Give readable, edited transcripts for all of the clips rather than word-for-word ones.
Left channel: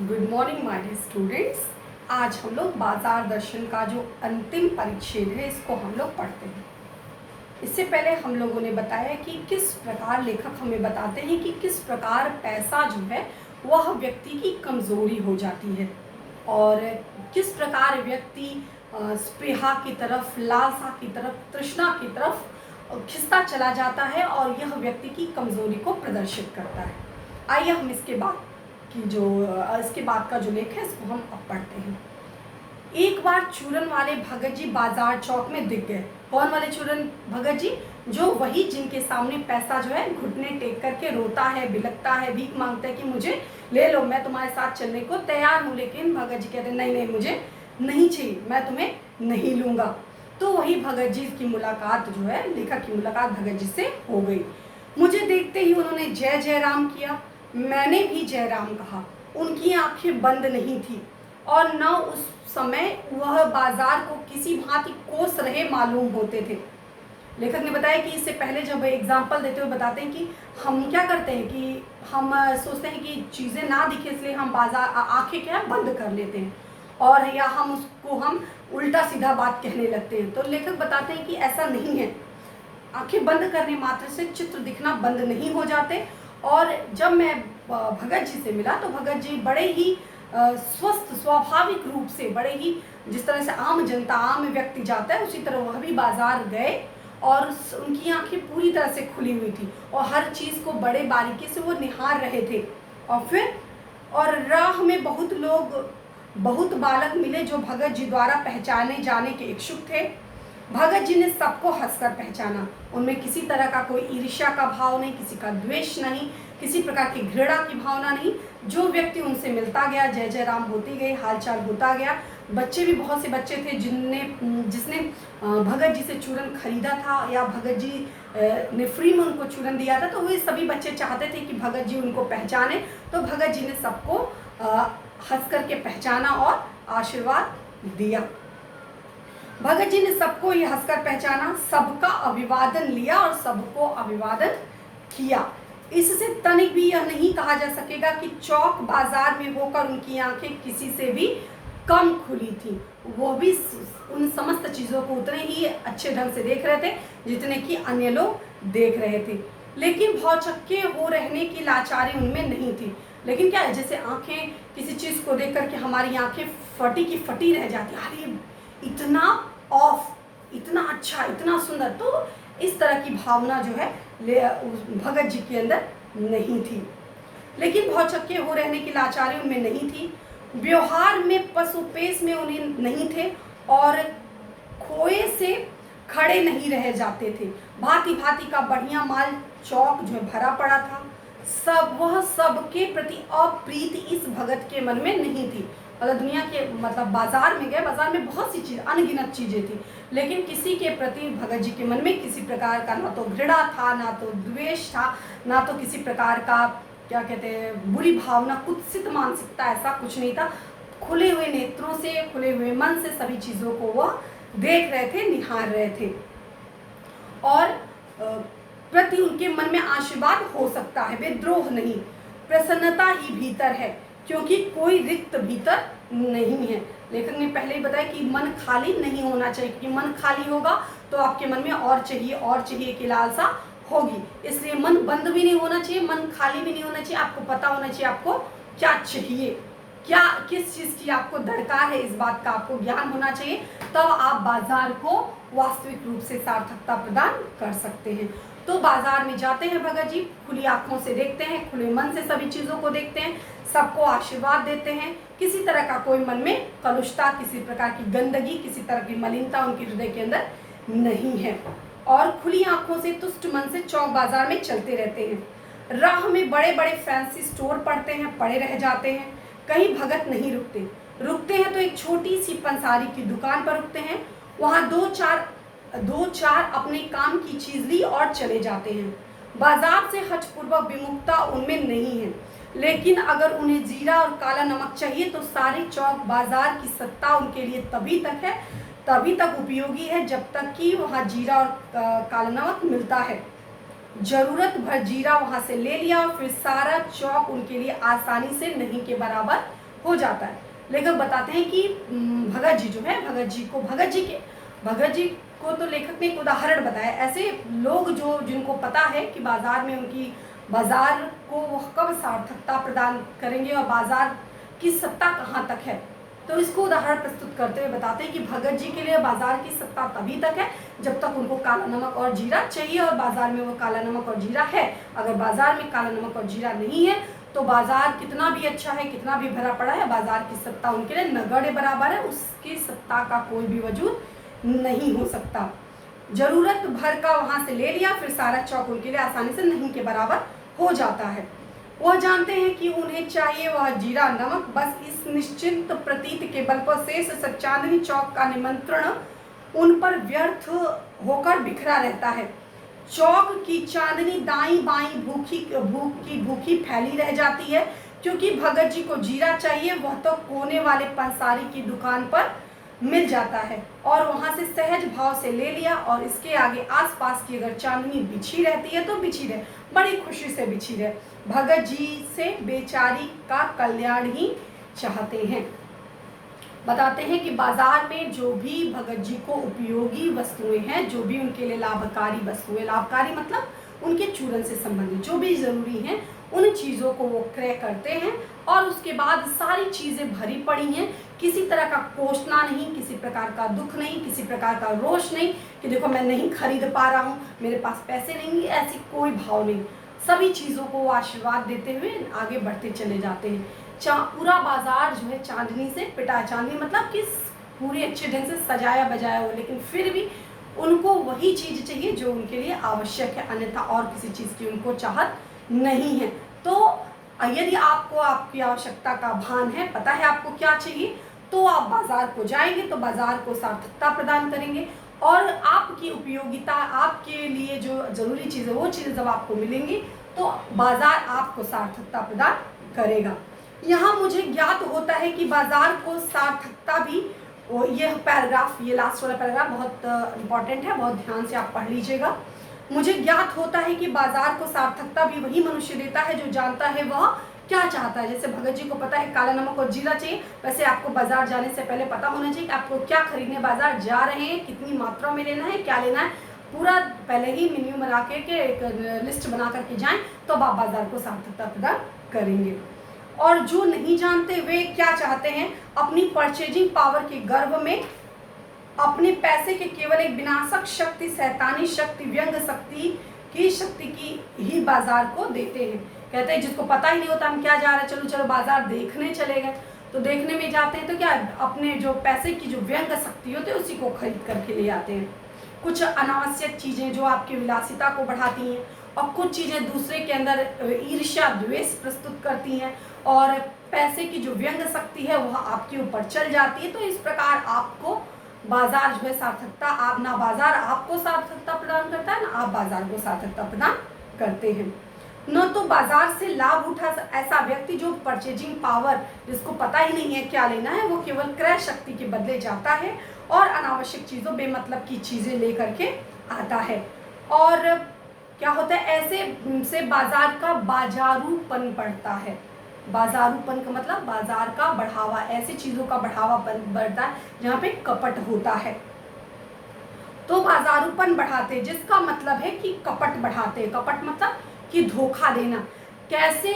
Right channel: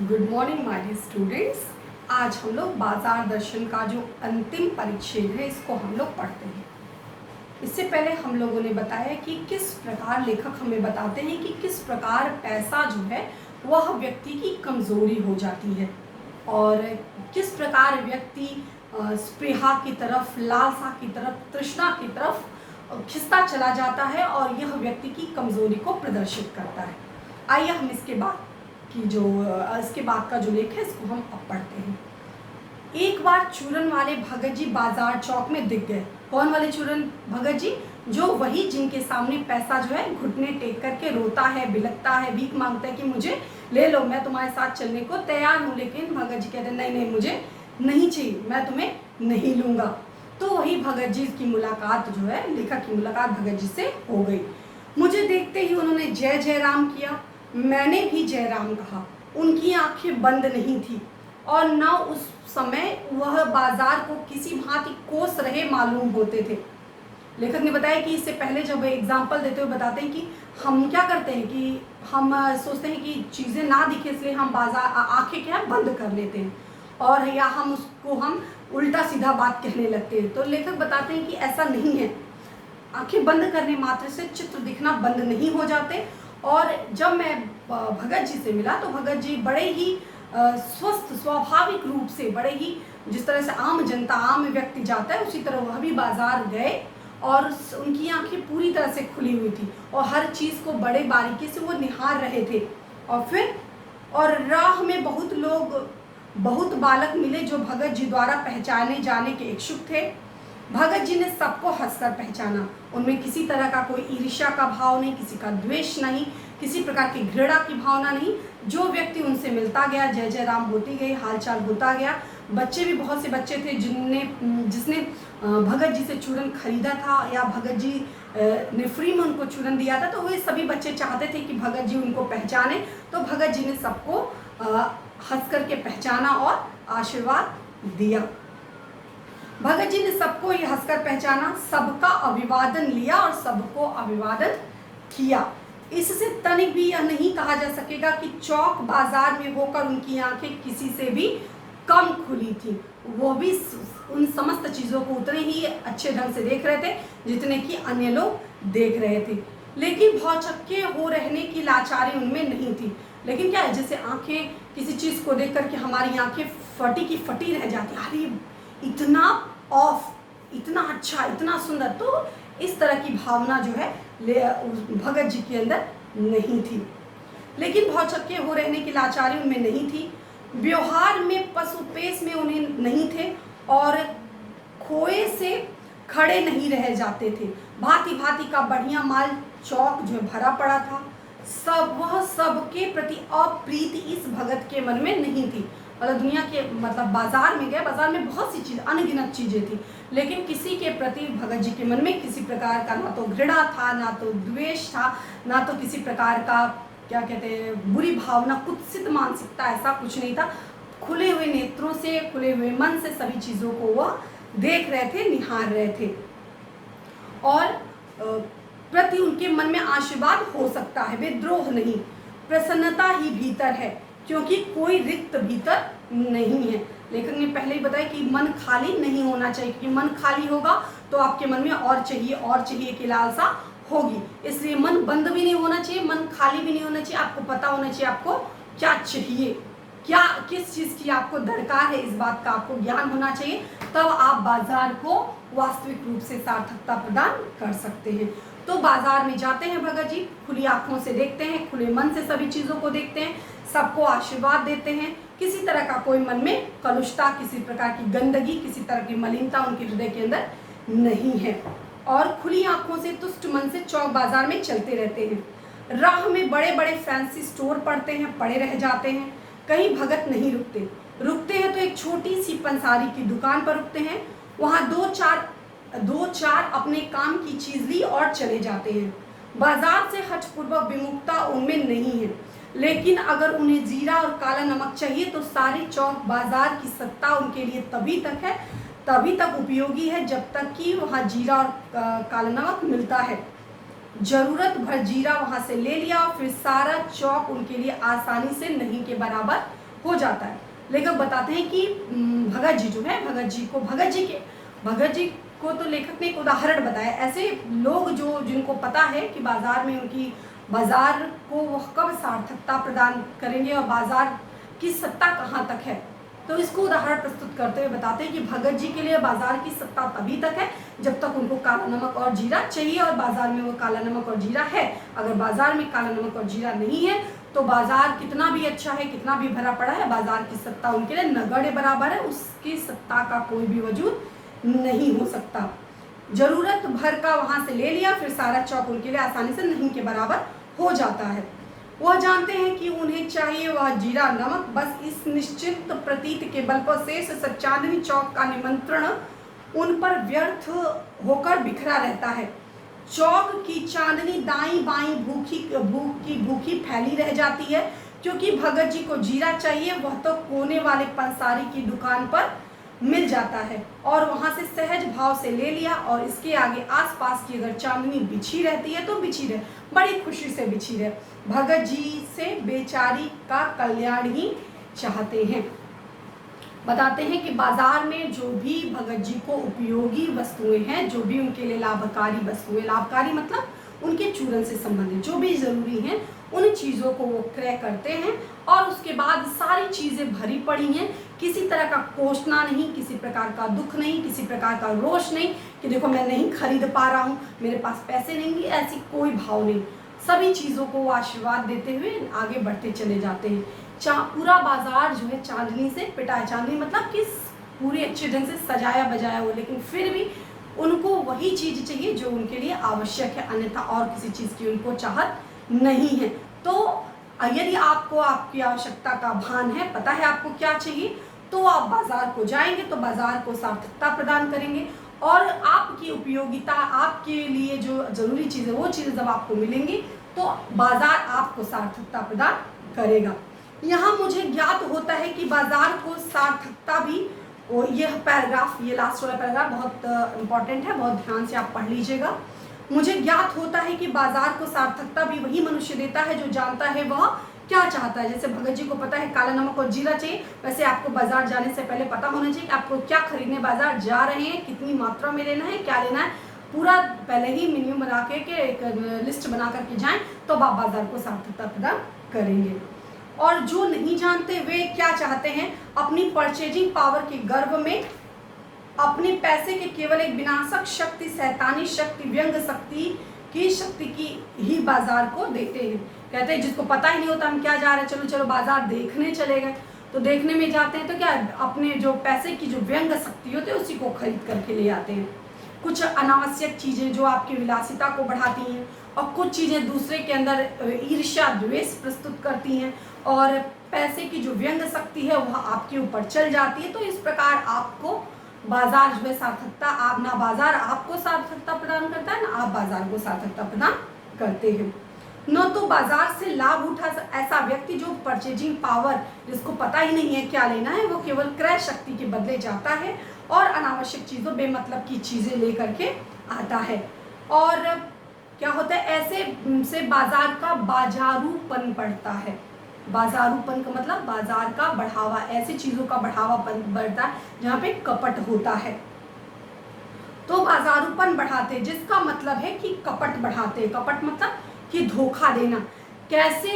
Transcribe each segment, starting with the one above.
Good morning my dear students. आज हम लोग बाजार दर्शन का जो अंतिम परिच्छेद है इसको हम लोग पढ़ते हैं। इससे पहले हम लोगों ने बताया कि किस प्रकार लेखक हमें बताते हैं कि किस प्रकार पैसा जो है वह व्यक्ति की कमज़ोरी हो जाती है और किस प्रकार व्यक्ति स्पृहा की तरफ, लालसा की तरफ, तृष्णा की तरफ खिसता चला जाता है और यह व्यक्ति की कमज़ोरी को प्रदर्शित करता है। आइए हम इसके बाद का जो लेख है इसको हम अब पढ़ते हैं। एक बार चूरन वाले भगत जी बाजार चौक में दिख गए। कौन वाले चूरन भगत जी? जो वही जिनके सामने पैसा जो है घुटने टेक करके रोता है, बिलखता है, भीख मांगता है कि मुझे ले लो, मैं तुम्हारे साथ चलने को तैयार हूँ। लेकिन भगत जी कहते नहीं नहीं, मुझे नहीं चाहिए, मैं तुम्हें नहीं लूँगा। तो वही भगत जी की मुलाकात जो है, लेखक की मुलाकात भगत जी से हो गई। मुझे देखते ही उन्होंने जय जय राम किया। मैंने भी जय राम कहा। उनकी आंखें बंद नहीं थी और न उस समय वह बाजार को किसी भांति कोस रहे मालूम होते थे। लेखक ने बताया कि इससे पहले जब एग्जाम्पल देते हुए बताते हैं कि हम क्या करते हैं कि हम सोचते हैं कि चीज़ें ना दिखे इसलिए हम बाजार आंखें क्या बंद कर लेते हैं और या हम उल्टा सीधा बात कहने लगते हैं। तो लेखक बताते हैं कि ऐसा नहीं है। आंखें बंद करने मात्र से चित्र दिखना बंद नहीं हो जाते। और जब मैं भगत जी से मिला तो भगत जी बड़े ही स्वस्थ स्वाभाविक रूप से, बड़े ही जिस तरह से आम जनता, आम व्यक्ति जाता है उसी तरह वह भी बाजार गए और उनकी आंखें पूरी तरह से खुली हुई थी और हर चीज़ को बड़े बारीकी से वो निहार रहे थे। और राह में बहुत बालक मिले जो भगत जी द्वारा पहचाने जाने के इच्छुक थे। भगत जी ने सबको हंसकर पहचाना। उनमें किसी तरह का कोई ईर्ष्या का भाव नहीं, किसी का द्वेष नहीं, किसी प्रकार की घृणा की भावना नहीं। जो व्यक्ति उनसे मिलता गया जय जय राम होती गई, हालचाल होता गया। बच्चे भी बहुत से बच्चे थे जिसने भगत जी से चूरन खरीदा था या भगत जी ने फ्री में उनको चूरन दिया था। तो वे सभी बच्चे चाहते थे कि भगत जी उनको पहचाने। तो भगत जी ने सबको हंस करके पहचाना और आशीर्वाद दिया। भगत जी ने सबको ये हंसकर पहचाना, सबका अभिवादन लिया और सबको अभिवादन किया। इससे तनिक भी यह नहीं कहा जा सकेगा कि चौक बाजार में होकर उनकी आंखें किसी से भी कम खुली थी। वो भी उन समस्त चीज़ों को उतने ही अच्छे ढंग से देख रहे थे जितने कि अन्य लोग देख रहे थे। लेकिन भौचक्के हो रहने की लाचारी उनमें नहीं थी। लेकिन क्या है, जैसे आंखें किसी चीज़ को देख करके हमारी आंखें फटी की फटी रह जाती, अरे इतना ऑफ, इतना अच्छा, इतना सुंदर। तो इस तरह की भावना जो है भगत जी के अंदर नहीं थी। लेकिन भौचक्के हो रहने की लाचारी उनमें नहीं थी। व्यवहार में पशुपेश में उन्हें नहीं थे और खोए से खड़े नहीं रह जाते थे। भांति भांति का बढ़िया माल चौक जो भरा पड़ा था। वह सबके प्रति अप्रीति इस भगत के मन में नहीं थी। मतलब दुनिया के बाजार में गए, बाजार में बहुत सी चीज़, अनगिनत चीज़ें थी, लेकिन किसी के प्रति भगत जी के मन में किसी प्रकार का ना तो घृणा था, ना तो द्वेष था, ना तो किसी प्रकार का क्या कहते हैं बुरी भावना, कुत्सित मानसिकता, ऐसा कुछ नहीं था। खुले हुए नेत्रों से, खुले हुए मन से सभी चीज़ों को वह देख रहे थे, निहार रहे थे। और प्रति उनके मन में आशीर्वाद हो सकता है, विद्रोह नहीं, प्रसन्नता ही भीतर है, क्योंकि कोई रिक्त भीतर नहीं है। लेखक ने पहले ही बताया कि मन खाली नहीं होना चाहिए, क्योंकि मन खाली होगा तो आपके मन में और चाहिए की लालसा होगी। इसलिए मन बंद भी नहीं होना चाहिए, मन खाली भी नहीं होना चाहिए। आपको पता होना चाहिए आपको क्या चाहिए, क्या किस चीज़ की आपको दरकार है, इस बात का आपको ज्ञान होना चाहिए। तब आप बाजार को वास्तविक रूप से सार्थकता प्रदान कर सकते हैं। तो बाजार में जाते हैं भगत जी, खुली आंखों से देखते हैं, खुले मन से सभी चीज़ों को देखते हैं, सबको आशीर्वाद देते हैं। किसी तरह का कोई मन में कलुषता, किसी प्रकार की गंदगी, किसी तरह की मलिनता उनके हृदय के अंदर नहीं है और खुली आंखों से, तुष्ट मन से चौक बाजार में चलते रहते हैं। राह में बड़े बड़े फैंसी स्टोर पड़े रह जाते हैं। कहीं भगत नहीं रुकते हैं तो एक छोटी सी पंसारी की दुकान पर रुकते हैं। वहाँ दो चार अपने काम की चीज ली और चले जाते हैं। बाजार से हठपूर्वक विमुखता उनमें नहीं है, लेकिन अगर उन्हें जीरा और काला नमक चाहिए तो सारे चौक बाजार की सत्ता उनके लिए तभी तक उपयोगी है जब तक कि वहाँ जीरा और काला नमक मिलता है। जरूरत भर जीरा वहाँ से ले लिया और फिर सारा चौक उनके लिए आसानी से नहीं के बराबर हो जाता है। लेखक बताते हैं कि भगत जी जो है, भगत जी को तो लेखक ने एक उदाहरण बताया। ऐसे लोग जो जिनको पता है कि बाजार में उनकी बाजार को वो कब सार्थकता प्रदान करेंगे और बाजार की सत्ता कहाँ तक है, तो इसको उदाहरण प्रस्तुत करते हुए बताते हैं कि भगत जी के लिए बाजार की सत्ता तभी तक है जब तक उनको काला नमक और जीरा चाहिए और बाजार में वो काला नमक और जीरा है। अगर बाजार में काला नमक और जीरा नहीं है तो बाजार कितना भी अच्छा है, कितना भी भरा पड़ा है, बाजार की सत्ता उनके लिए नगण्य बराबर है, उसकी सत्ता का कोई भी वजूद नहीं हो सकता। जरूरत भर का वहां से ले लिया, फिर सारा चौक उनके लिए आसानी से नहीं के बराबर हो जाता है। वह जानते हैं कि उन्हें चाहिए वह जीरा नमक, बस इस निश्चित प्रतीत के बल पर शेष चांदनी चौक का निमंत्रण उन पर व्यर्थ होकर बिखरा रहता है। चौक की चांदनी दाई बाई भूखी फैली रह जाती है, क्योंकि भगत जी को जीरा चाहिए वह तो कोने वाले पंसारी की दुकान पर मिल जाता है और वहां से सहज भाव से ले लिया, और इसके आगे आसपास की अगर चांदनी बिछी रहती है तो बिछी रहे, बड़ी खुशी से बिछी रहे। भगत जी से बेचारी का कल्याण ही चाहते हैं। बताते हैं कि बाजार में जो भी भगत जी को उपयोगी वस्तुएं हैं, जो भी उनके लिए लाभकारी वस्तुएं, लाभकारी मतलब उनके चूरन से संबंधित जो भी जरूरी हैं, उन चीज़ों को वो क्रय करते हैं और उसके बाद सारी चीज़ें भरी पड़ी हैं। किसी तरह का कोसना नहीं, किसी प्रकार का दुख नहीं, किसी प्रकार का रोष नहीं कि देखो मैं नहीं खरीद पा रहा हूँ, मेरे पास पैसे नहीं, ऐसी कोई भाव नहीं। सभी चीज़ों को वो आशीर्वाद देते हुए आगे बढ़ते चले जाते हैं। पूरा बाजार जो है चांदनी से पिटा है। चांदनी मतलब कि पूरी अच्छे ढंग से सजाया बजाया हो, लेकिन फिर भी उनको वही चीज़ चाहिए जो उनके लिए आवश्यक है, अन्यथा और किसी चीज़ की उनको चाहत नहीं है। तो यदि आपको आपकी आवश्यकता का भान है, पता है आपको क्या चाहिए, तो आप बाजार को जाएंगे तो बाजार को सार्थकता प्रदान करेंगे और आपकी उपयोगिता, आपके लिए जो जरूरी चीज़ है वो चीज़ जब आपको मिलेंगी तो बाजार आपको सार्थकता प्रदान करेगा। यहाँ मुझे ज्ञात होता है कि बाजार को सार्थकता भी, यह पैराग्राफ, ये लास्ट वाला पैराग्राफ बहुत इंपॉर्टेंट है, बहुत ध्यान से आप पढ़ लीजिएगा। मुझे ज्ञात होता है कि बाजार को सार्थकता भी वही मनुष्य देता है जो जानता है वह क्या चाहता है। जैसे भगत जी को पता है काला नमक और जीरा चाहिए, वैसे आपको बाजार जाने से पहले पता होना चाहिए कि आपको क्या खरीदने बाजार जा रहे हैं, कितनी मात्रा में लेना है, क्या लेना है, पूरा पहले ही मेन्यू बना के एक लिस्ट बना करके जाएं तो आप बाजार को सार्थकता प्रदान करेंगे। और जो नहीं जानते वे क्या चाहते हैं, अपनी परचेजिंग पावर के गर्व में अपने पैसे के केवल एक विनाशक शक्ति, शैतानी शक्ति, व्यंग शक्ति की ही बाजार को देते हैं। कहते हैं जिसको पता ही नहीं होता हम क्या जा रहे हैं, चलो चलो बाजार देखने चले गए, तो देखने में जाते हैं तो क्या अपने जो पैसे की जो व्यंग शक्ति होती है उसी को खरीद करके ले आते हैं। कुछ अनावश्यक चीज़ें जो आपकी विलासिता को बढ़ाती हैं और कुछ चीज़ें दूसरे के अंदर ईर्ष्या द्वेष प्रस्तुत करती हैं और पैसे की जो व्यंग शक्ति है वह आपके ऊपर चल जाती है। तो इस प्रकार आपको बाजार जो है सार्थकता, आप ना बाजार आपको सार्थकता प्रदान करता है ना आप बाजार को सार्थकता प्रदान करते हैं। न तो बाजार से लाभ उठा ऐसा व्यक्ति जो परचेजिंग पावर, जिसको पता ही नहीं है क्या लेना है, वो केवल क्रय शक्ति के बदले जाता है और अनावश्यक चीज़ों, बेमतलब की चीज़ें लेकर के आता है। और क्या होता है, ऐसे से बाजार का बाजारूपन बढ़ता है। बाजारूपन का मतलब बाजार का बढ़ावा, ऐसी चीज़ों का बढ़ावा बढ़ता है जहाँ पे कपट होता है। तो बाजारूपन बढ़ाते, जिसका मतलब है कि कपट बढ़ाते। कपट मतलब कि धोखा देना। कैसे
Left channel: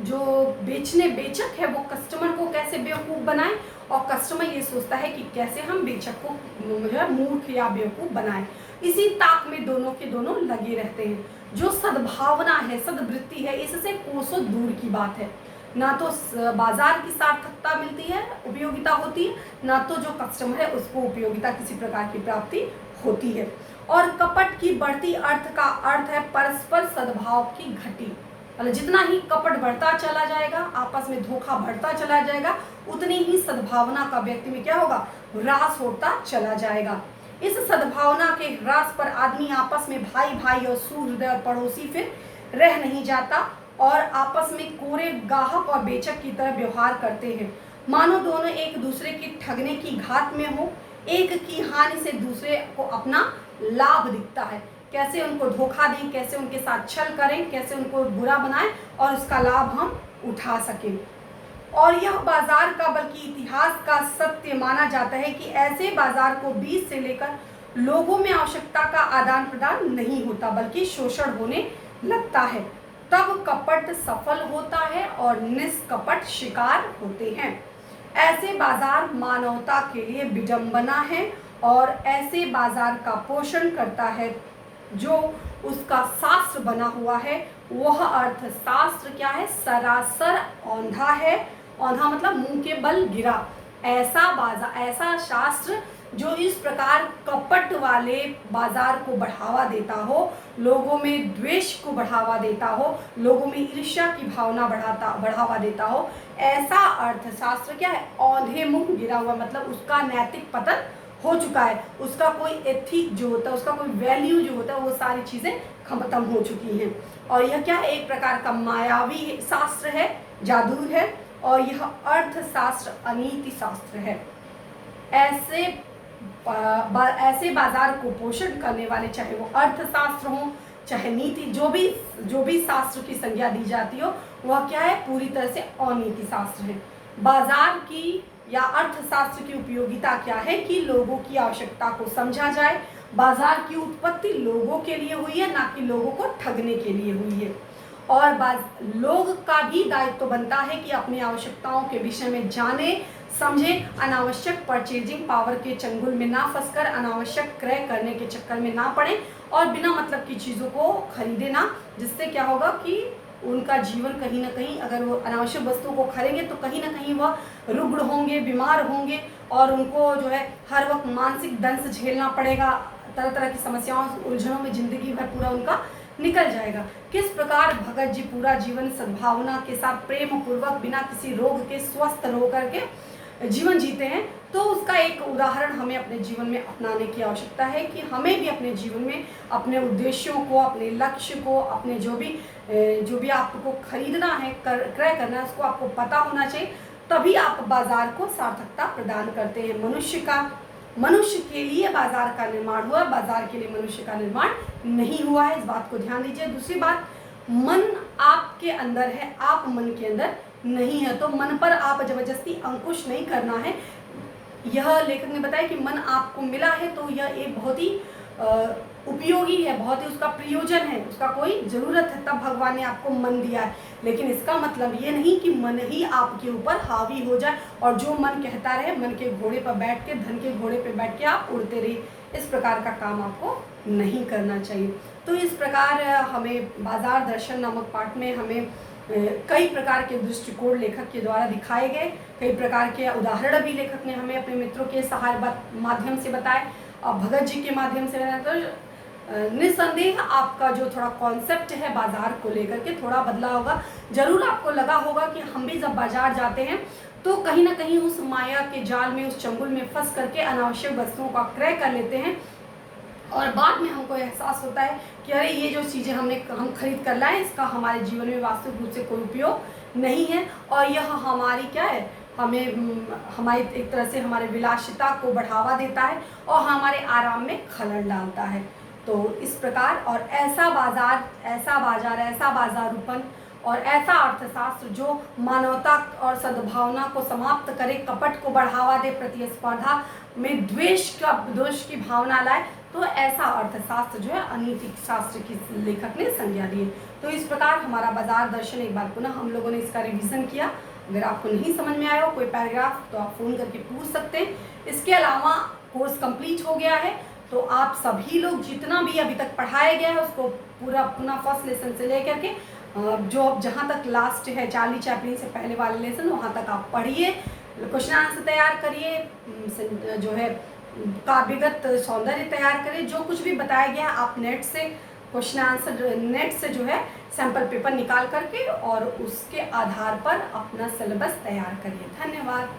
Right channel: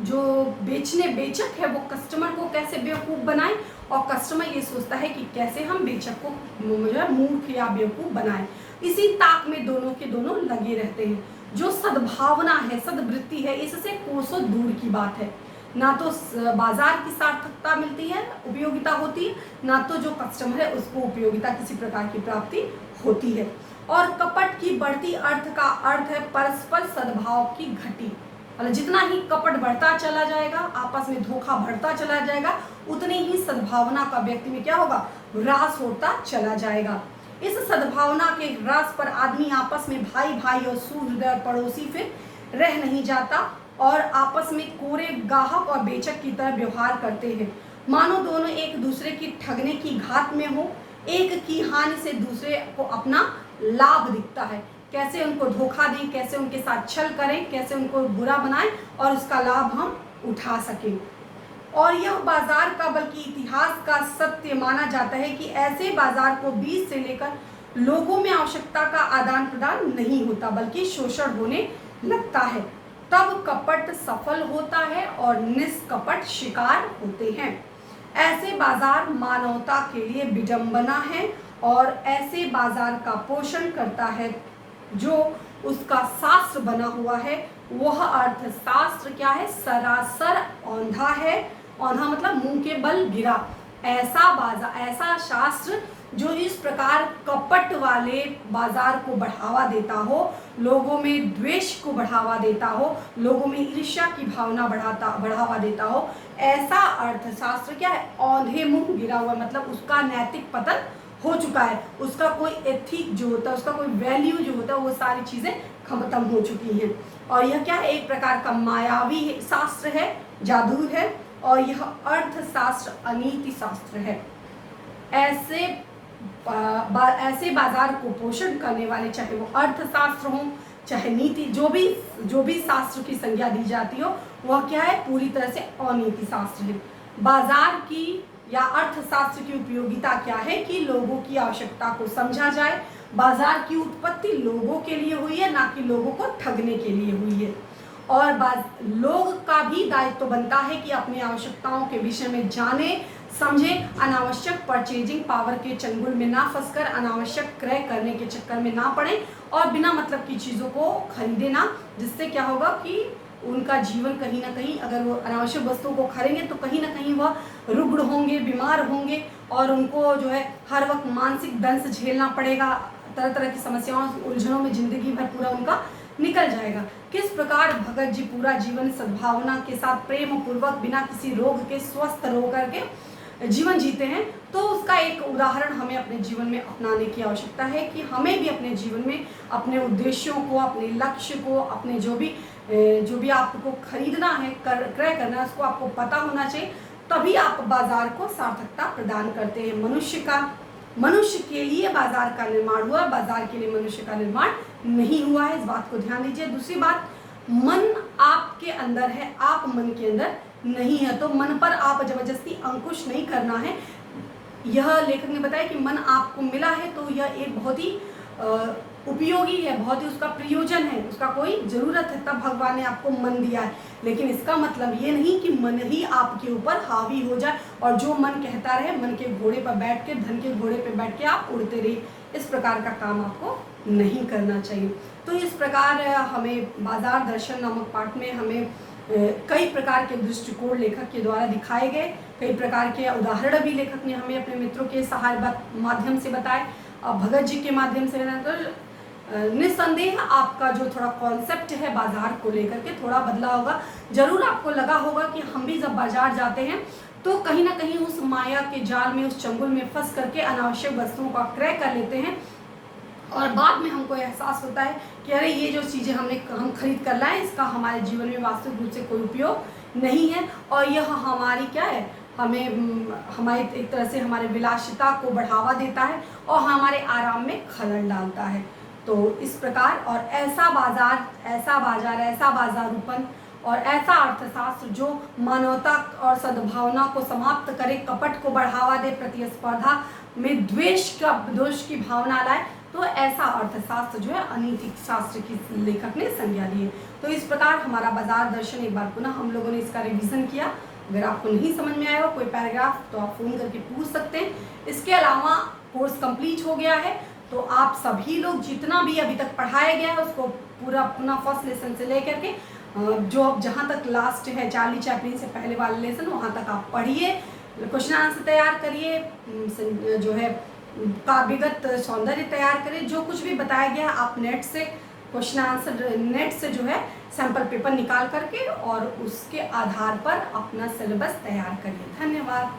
जो बेचक है वो कस्टमर को कैसे बेवकूफ़ बनाए और कस्टमर ये सोचता है कि कैसे हम बेचक को जो है मूर्ख या बेवकूफ़ बनाए। इसी ताक में दोनों के दोनों लगे रहते हैं। जो सद्भावना है, सद्वृत्ति है, इससे कोसों दूर की बात है। ना तो बाजार की सार्थकता मिलती है, उपयोगिता होती है, ना तो जो कस्टमर है उसको उपयोगिता किसी प्रकार की प्राप्ति होती है। और कपट की बढ़ती अर्थ का अर्थ है परस्पर सद्भाव की घटी। मतलब जितना ही कपट बढ़ता चला जाएगा, आपस में धोखा बढ़ता चला जाएगा, उतनी ही सद्भावना का व्यक्ति में क्या होगा, ह्रास होता चला जाएगा। इस सद्भावना के ह्रास पर आदमी आपस में भाई भाई और सूहृदय और पड़ोसी फिर रह नहीं जाता और आपस में कोरे गाहक और बेचक की तरह व्यवहार करते हैं, मानो दोनों एक दूसरे की ठगने की घात में हो। एक की हानि से दूसरे को अपना लाभ दिखता है, कैसे उनको धोखा दें, कैसे उनके साथ छल करें, कैसे उनको बुरा बनाएं और उसका लाभ हम उठा सकें। और यह बाजार का बल्कि इतिहास का सत्य माना जाता है कि ऐसे बाजार को बीज से लेकर लोगों में आवश्यकता का आदान प्रदान नहीं होता बल्कि शोषण होने लगता है, तब कपट सफल होता है और निष्कपट शिकार होते हैं। ऐसे बाजार मानवता के लिए विडंबना है और ऐसे बाजार का पोषण करता है जो उसका शास्त्र बना हुआ है। वह अर्थशास्त्र क्या है? सरासर औंधा है। औंधा मतलब मुंह के बल गिरा। ऐसा शास्त्र जो इस प्रकार कपट वाले बाजार को बढ़ावा देता हो, लोगों में द्वेष को बढ़ावा देता हो, लोगों में ईर्ष्या की भावना बढ़ावा देता हो, ऐसा अर्थशास्त्र क्या है? औंधे मुंह गिरा हुआ, मतलब उसका नैतिक पतन हो चुका है, उसका कोई एथिक जो होता है, उसका कोई वैल्यू जो होता है, वो सारी चीजें खत्म हो चुकी हैं। और यह क्या है? एक प्रकार का मायावी शास्त्र है, जादू है, और यह अर्थशास्त्र अनीति शास्त्र है। ऐसे बाजार को पोषण करने वाले, चाहे वो अर्थशास्त्र हो चाहे नीति, जो भी शास्त्र की संज्ञा दी जाती हो, वह क्या है? पूरी तरह से अनीति शास्त्र है। बाजार की या अर्थशास्त्र की उपयोगिता क्या है? कि लोगों की आवश्यकता को समझा जाए। बाजार की उत्पत्ति लोगों के लिए हुई है, ना कि लोगों को ठगने के लिए हुई है। और लोग का भी दायित्व बनता है कि अपनी आवश्यकताओं के विषय में जाने समझे, अनावश्यक परचेजिंग पावर के चंगुल में ना फंसकर अनावश्यक क्रय करने के चक्कर में ना पड़े और बिना मतलब की चीज़ों को खरीदे ना, जिससे क्या होगा कि उनका जीवन कहीं ना कहीं, अगर वो अनावश्यक वस्तुओं को खरीदेंगे तो कहीं ना कहीं वह रुग्ण होंगे, बीमार होंगे और उनको जो है हर वक्त मानसिक दंश झेलना पड़ेगा। तरह तरह की समस्याओं, उलझनों में जिंदगी भर पूरा उनका निकल जाएगा। किस प्रकार भगत जी पूरा जीवन सद्भावना के साथ प्रेम पूर्वक बिना किसी रोग के स्वस्थ होकर के जीवन जीते हैं, तो उसका एक उदाहरण हमें अपने जीवन में अपनाने की आवश्यकता है कि हमें भी अपने जीवन में अपने उद्देश्यों को, अपने लक्ष्य को, अपने जो भी आपको खरीदना है, क्रय करना है, उसको आपको पता होना चाहिए, तभी आप बाजार को सार्थकता प्रदान करते हैं। मनुष्य के लिए बाजार का निर्माण हुआ, बाजार के लिए मनुष्य का निर्माण नहीं हुआ है, इस बात को ध्यान दीजिए। दूसरी बात, मन आपके अंदर है, आप मन के अंदर नहीं है, तो मन पर आप जबरदस्ती अंकुश नहीं करना है। यह लेखक ने बताया कि मन आपको मिला है तो यह एक बहुत ही उपयोगी है, बहुत ही उसका प्रयोजन है, उसका कोई ज़रूरत है, तब भगवान ने आपको मन दिया है। लेकिन इसका मतलब ये नहीं कि मन ही आपके ऊपर हावी हो जाए और जो मन कहता रहे, मन के घोड़े पर बैठ के, धन के घोड़े पर बैठ के आप उड़ते रहिए। इस प्रकार का काम आपको नहीं करना चाहिए। तो इस प्रकार हमें बाजार दर्शन नामक पाठ में हमें कई प्रकार के दृष्टिकोण लेखक के द्वारा दिखाए गए, कई प्रकार के उदाहरण भी लेखक ने हमें अपने मित्रों के माध्यम से बताए और भगत जी के माध्यम से। तो निस्संदेह आपका जो थोड़ा कॉन्सेप्ट है बाजार को लेकर के थोड़ा बदला होगा। जरूर आपको लगा होगा कि हम भी जब बाजार जाते हैं तो कहीं ना कहीं उस माया के जाल में, उस चंगुल में फंस करके अनावश्यक वस्तुओं का क्रय कर लेते हैं और बाद में हमको एहसास होता है कि अरे ये जो चीज़ें हम खरीद कर लाए, इसका हमारे जीवन में वास्तविक रूप से कोई उपयोग नहीं है और यह हमारी क्या है, हमारी एक तरह से हमारे विलासिता को बढ़ावा देता है और हमारे आराम में खलल डालता है। तो इस प्रकार और ऐसा बाजारूपन और ऐसा अर्थशास्त्र जो मानवता और सद्भावना को समाप्त करे, कपट को बढ़ावा दे, प्रतिस्पर्धा में द्वेष की भावना लाए, तो ऐसा अर्थशास्त्र जो है अनीतिक शास्त्र की लेखक ने संज्ञा दी है। तो इस प्रकार हमारा बाजार दर्शन एक बार पुनः हम लोगों ने इसका रिवीजन किया। अगर आपको नहीं समझ में आया हो कोई पैराग्राफ तो आप फ़ोन करके पूछ सकते हैं। इसके अलावा कोर्स कंप्लीट हो गया है तो आप सभी लोग जितना भी अभी तक पढ़ाया गया है उसको पूरा पुनः फर्स्ट लेसन से लेकर के जो अब जहाँ तक लास्ट है चार्ली चैपलिन से पहले वाले लेसन वहाँ तक आप पढ़िए, क्वेश्चन आंसर तैयार करिए, जो है काव्यगत सौंदर्य तैयार करिए। जो कुछ भी बताया गया आप नेट से क्वेश्चन आंसर, नेट से जो है सैंपल पेपर निकाल करके और उसके आधार पर अपना सिलेबस तैयार करिए। धन्यवाद।